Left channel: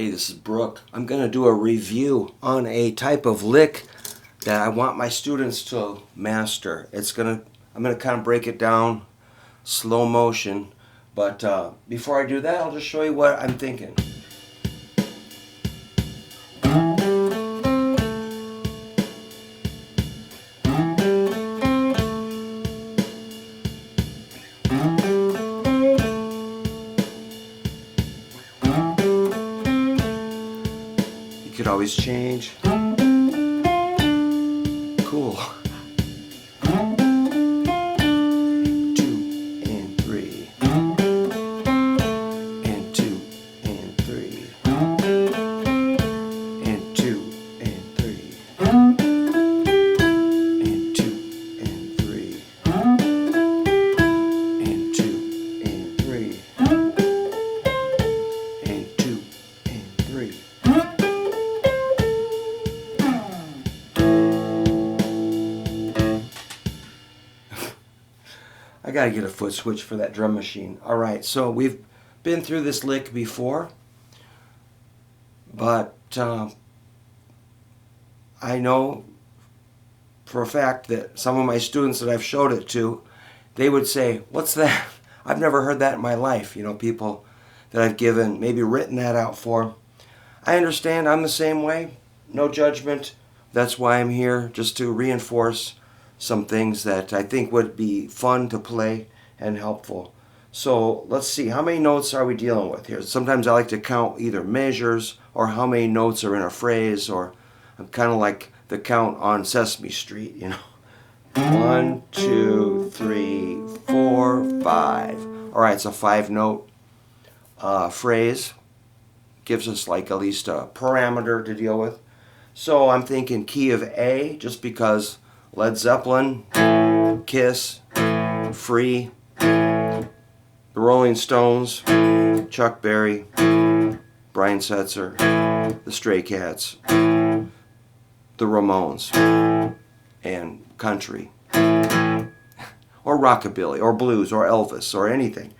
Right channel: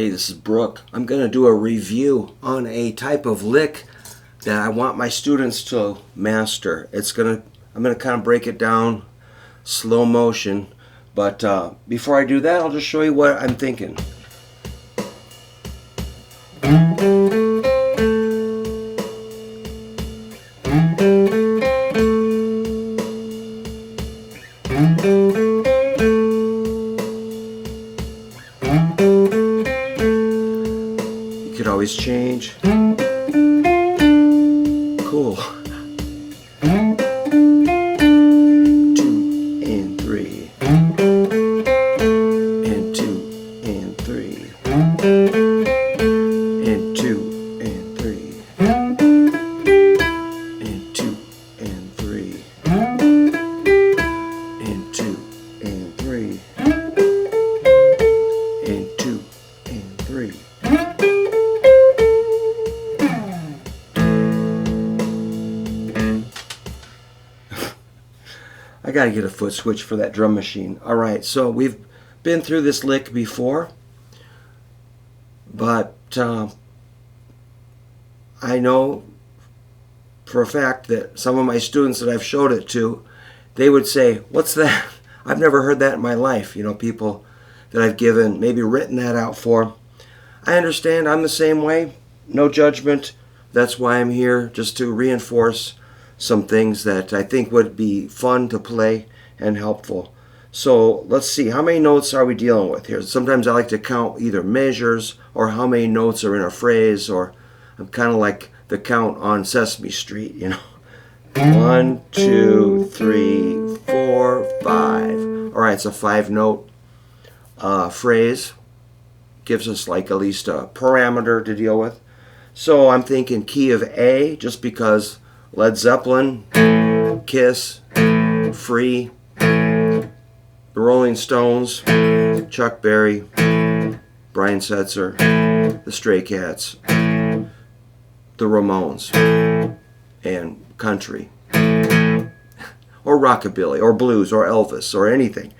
Hey, this is Brook. I'm going to do a review on a type of lick that I want my students to master. I'm going to kind of break it down slow motion, but before I do that, I'll just show you what I'm thinking. You could always change. Cool. 2 and 3. And 2 and 3. And 2 and 3. And 2 and 3. And 2 and 3. And 2 and 3. I gotta get a foot switch for that drum machine. Alright, so we've been through this lick before, but I know for a fact that some of my students that I've showed it to, they would say, "What's that? I've never heard that in my life." You know, people that I've given, maybe written that out for. I understand, I'm the same way. No judgment. That's why I'm here, just to reinforce some things that I think would be fun to play and helpful. So let's see, how many notes are we dealing with here? Sometimes I like to count either measures or how many notes are in a phrase, or I'm kind of like the count on Sesame Street, you know. 1, 2, 3, 4, 5. All right, it's a 5-note phrase. Gives us like at least a parameter to deal with. So I'm thinking key of A, just because Led Zeppelin, Kiss, Free, the Rolling Stones, Chuck Berry, Brian Setzer, the Stray Cats, the Ramones, and country, or rockabilly, or blues, or Elvis, or anything.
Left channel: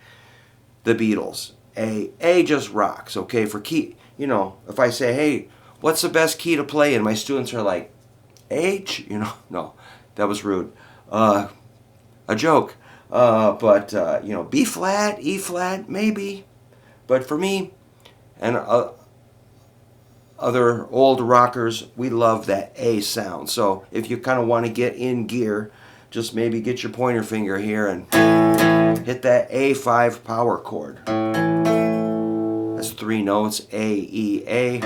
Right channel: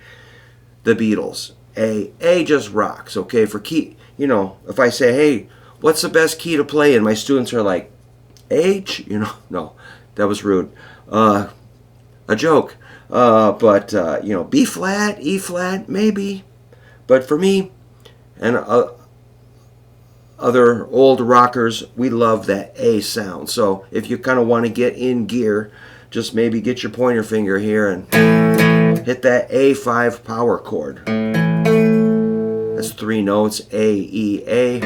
The Beatles. A just rocks, okay? For key, you know, if I say, hey, what's the best key to play in? My students are like, H? You know, no, that was rude. A joke. But you know, B flat, E flat, maybe. But for me and other old rockers, we love that A sound. So if you kind of want to get in gear, just maybe get your pointer finger here and hit that A5 power chord. That's 3 notes, A, E, A,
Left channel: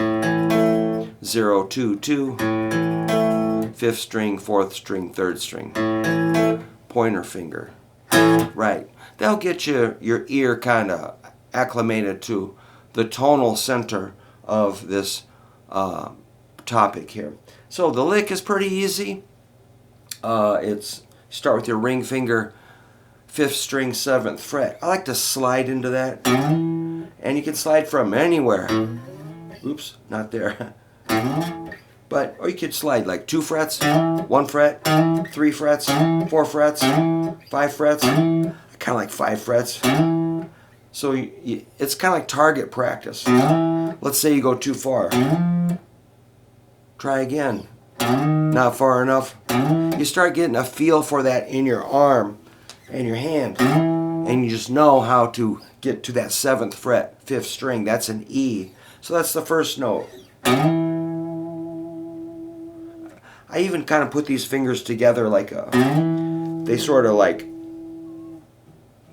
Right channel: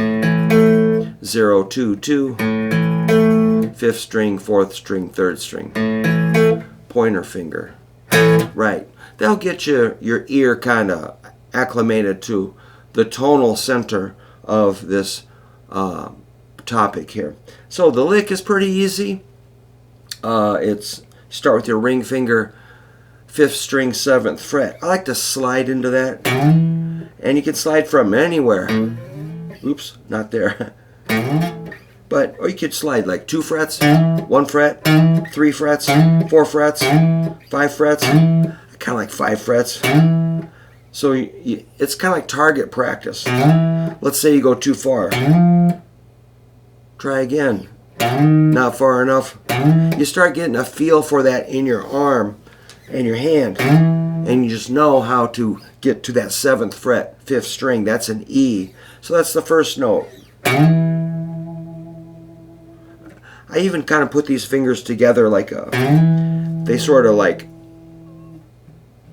0, 2, 2, 5th string, 4th string, 3rd string. Pointer finger. Right. That'll get your ear kind of acclimated to the tonal center of this topic here. So the lick is pretty easy. Start with your ring finger, 5th string, 7th fret. I like to slide into that. And you can slide from anywhere. Oops, not there. But, or you could slide like 2 frets, 1 fret, 3 frets, 4 frets, 5 frets. I kind of like 5 frets. So it's kind of like target practice. Let's say you go too far. Try again. Not far enough. You start getting a feel for that in your arm and your hand. And you just know how to get to that 7th fret, 5th string. That's an E. So that's the first note. I even kind of put these fingers together like they sort of like,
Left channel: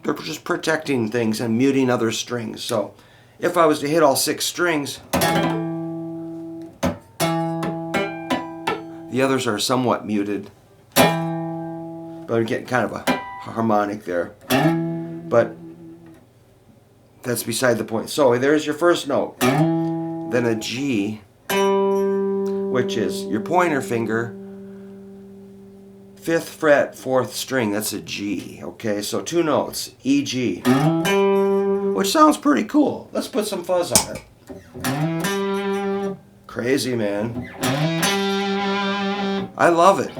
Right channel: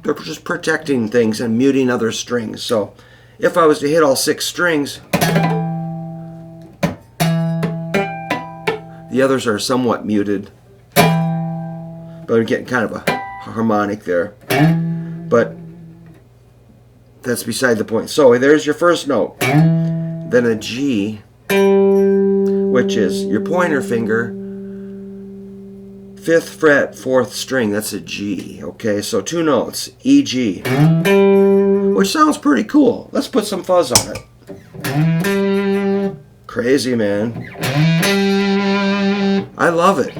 they're just protecting things and muting other strings. So if I was to hit all 6 strings, the others are somewhat muted. But I'm getting kind of a harmonic there. But that's beside the point. So there's your first note. Then a G, which is your pointer finger, 5th fret, 4th string. That's a G. Okay, so 2 notes, E, G, which sounds pretty cool. Let's put some fuzz on it. Crazy, man. I love it.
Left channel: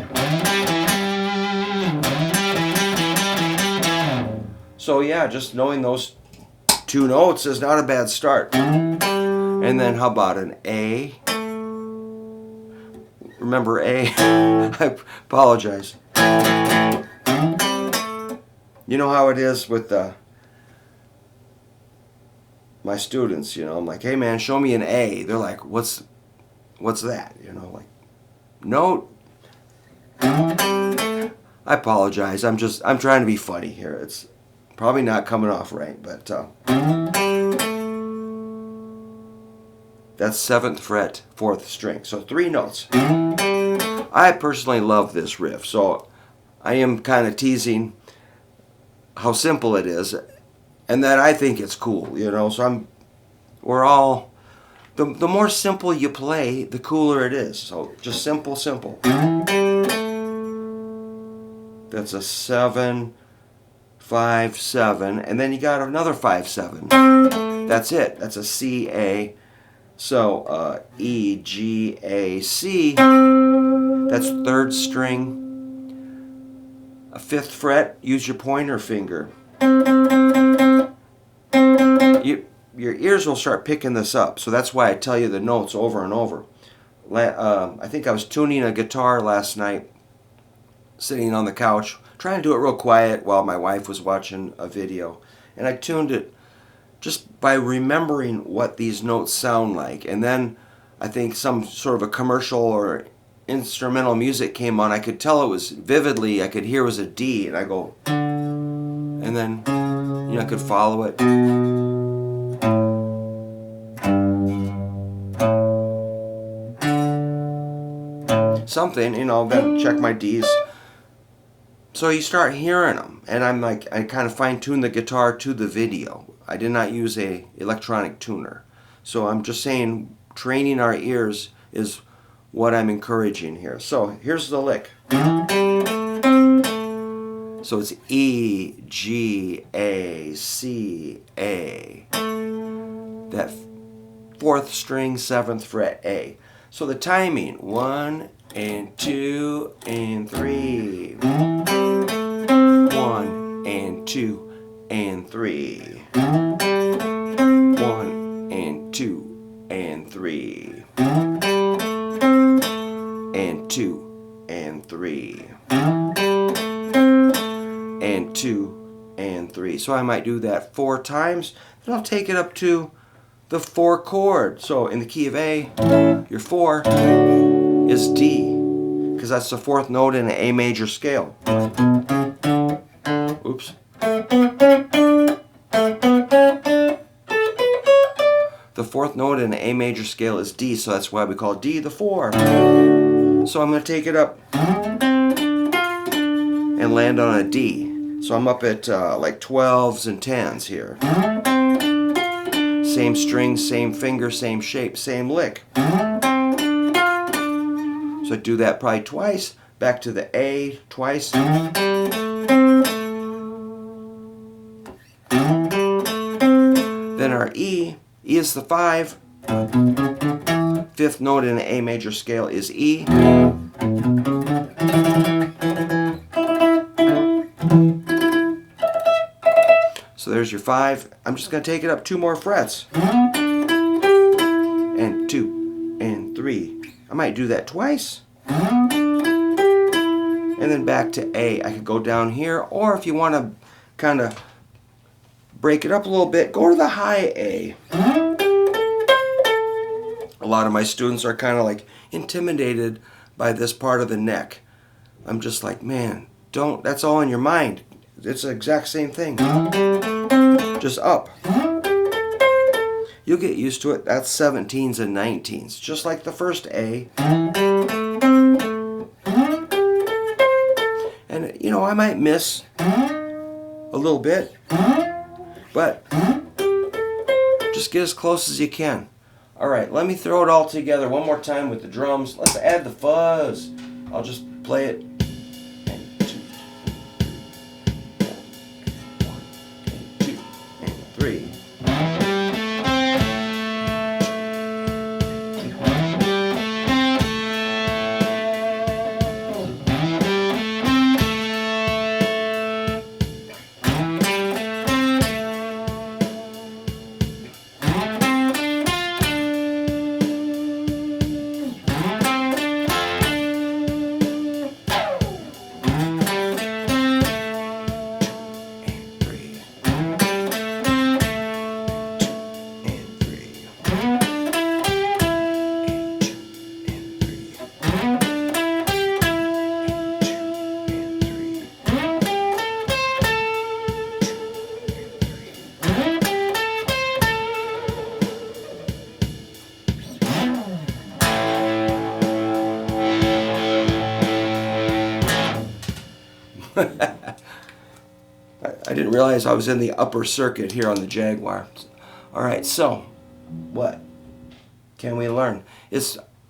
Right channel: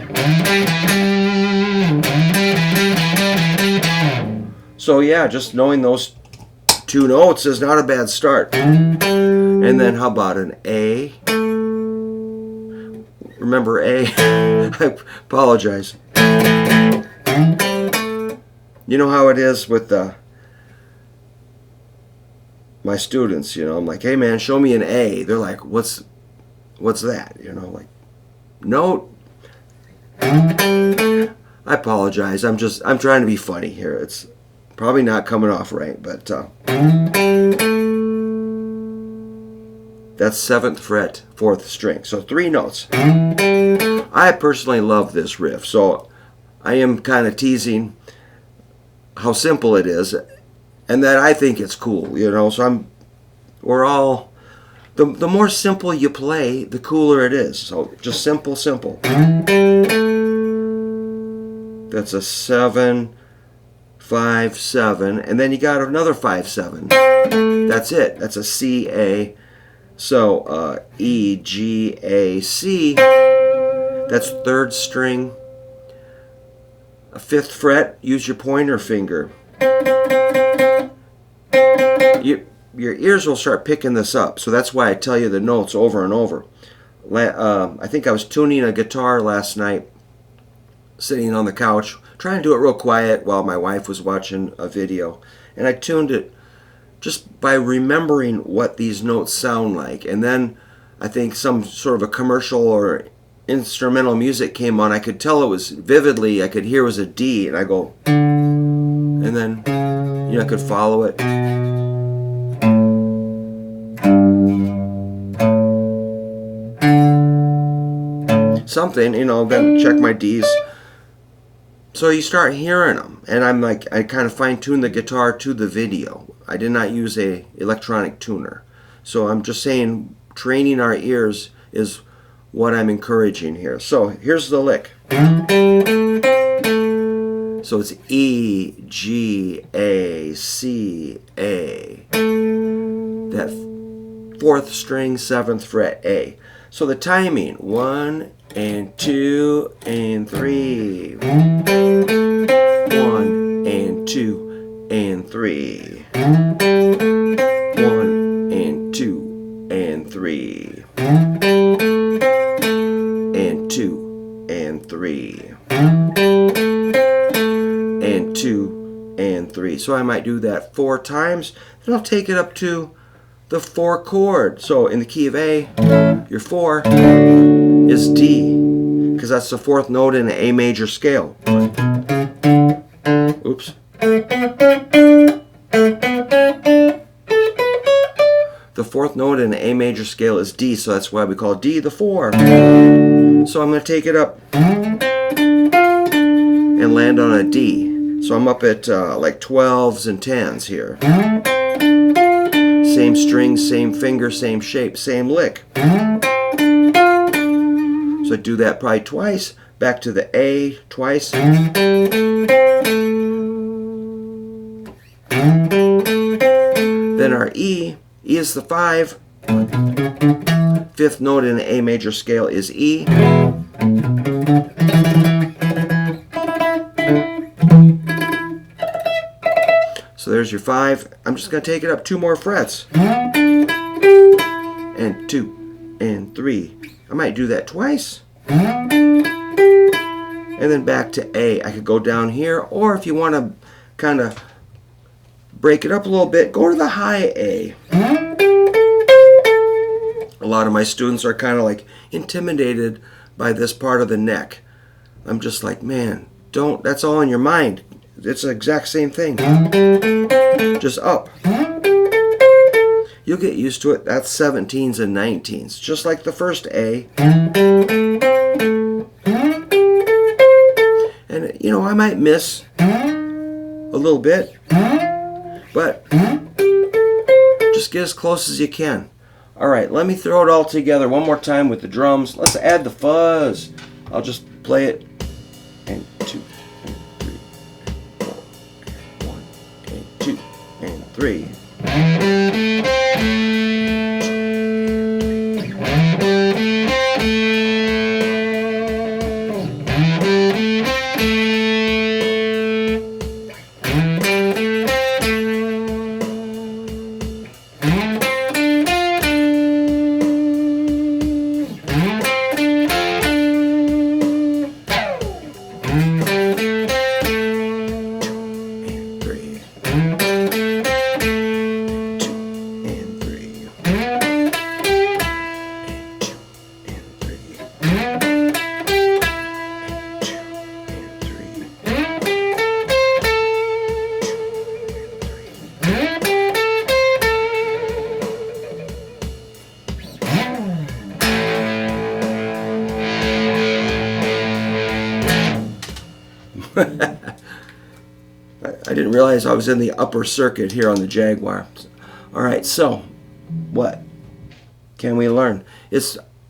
So yeah, just knowing those 2 notes is not a bad start. And then how about an A? Remember A? I apologize. You know how it is with my students, you know, I'm like, hey man, show me an A. They're like, what's that? You know, like, note. I apologize. I'm trying to be funny here. It's probably not coming off right, but that's 7th fret, 4th string. So 3 notes. I personally love this riff, so I am kind of teasing how simple it is, and that I think it's cool, you know. So we're all, the more simple you play, the cooler it is. So just simple, simple. That's a 7, 5, 7, and then you got another 5, 7. That's it. That's a C, A. So E, G, A, C. That's 3rd string. A 5th fret. Use your pointer finger. Your ears will start picking this up. So that's why I tell you the notes over and over. I think I was tuning a guitar last night, sitting on the couch, trying to do it real quiet while my wife was watching a video. And I tuned it just by remembering what these notes sound like. And then I think some sort of a commercial or instrumental music came on. I could tell it was vividly, I could hear it was a D, and I go, and then, you know, I could follow it. Something, you know, then check my D's. So you start hearing them, and I'm like, I kind of fine-tune the guitar to the video. I did not use a electronic tuner. So I'm just saying, training our ears is what I'm encouraging here. So here's the lick. So it's E, G, A, C, A. That 4th string, 7th fret, A. So the timing, 1 and 2 and 3. 1 and 2 and 3. 1 and 2 and 3. And 2 and 3. And 2 and 3. So I might do that 4 times. Then I'll take it up to the 4 chord. So in the key of A, your 4 is D, because that's the 4th note in an A major scale. Oops. The 4th note in an A major scale is D, so that's why we call D the 4. So I'm going to take it up and land on a D. So I'm up at like 12s and 10s here. Same string, same finger, same shape, same lick. So I do that probably twice. Back to the A twice. Then our E. E is the 5. 5th note in an A major scale is E. So there's your 5. I'm just going to take it up 2 more frets. And 2 and 3. I might do that twice. And then back to A. I could go down here, or if you want to kind of break it up a little bit, go to the high A. A lot of my students are kind of like intimidated by this part of the neck. I'm just like, man, that's all in your mind. It's the exact same thing. Just up. You'll get used to it. That's 17s and 19s, just like the first A. And, you know, I might miss a little bit, but just get as close as you can. All right, let me throw it all together one more time with the drums. Let's add the fuzz. I'll just play it. And 2 and 3, 4, 1 and 2 and 3. I didn't realize I was in the upper circuit here on the Jaguar. All right, so what can we learn?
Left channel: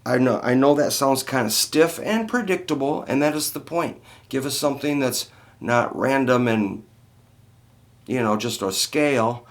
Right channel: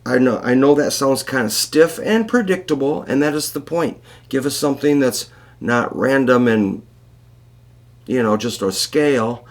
I know that sounds kind of stiff and predictable, and that is the point. Give us something that's not random and just a scale,